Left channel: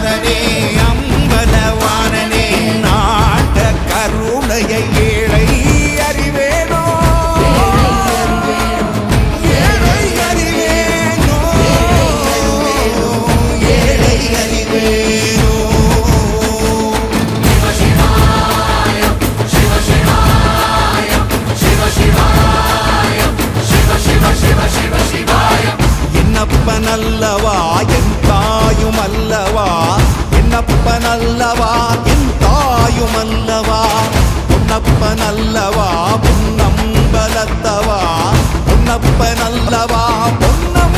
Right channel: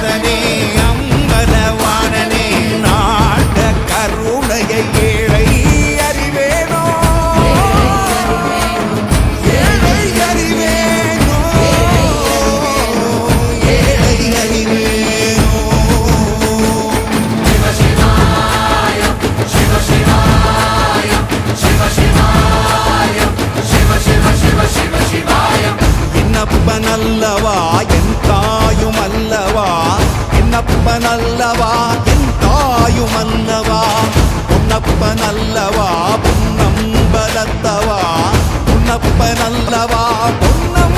நாதனே அம்பலவாணனே நாட கருணையை ஏழை அறிவேனோ ஏழை அறிவேனோ ஏழை அறிவேனோ என்னப்பனல்லவா என் தாயும் அல்லவா என்னப்பனல்லவா என் தாயும் அல்லவா பொன்னப்பனல்லவா பொன்னம்பலத்தவா பொன்னப்பனல்லவா பொன்னம்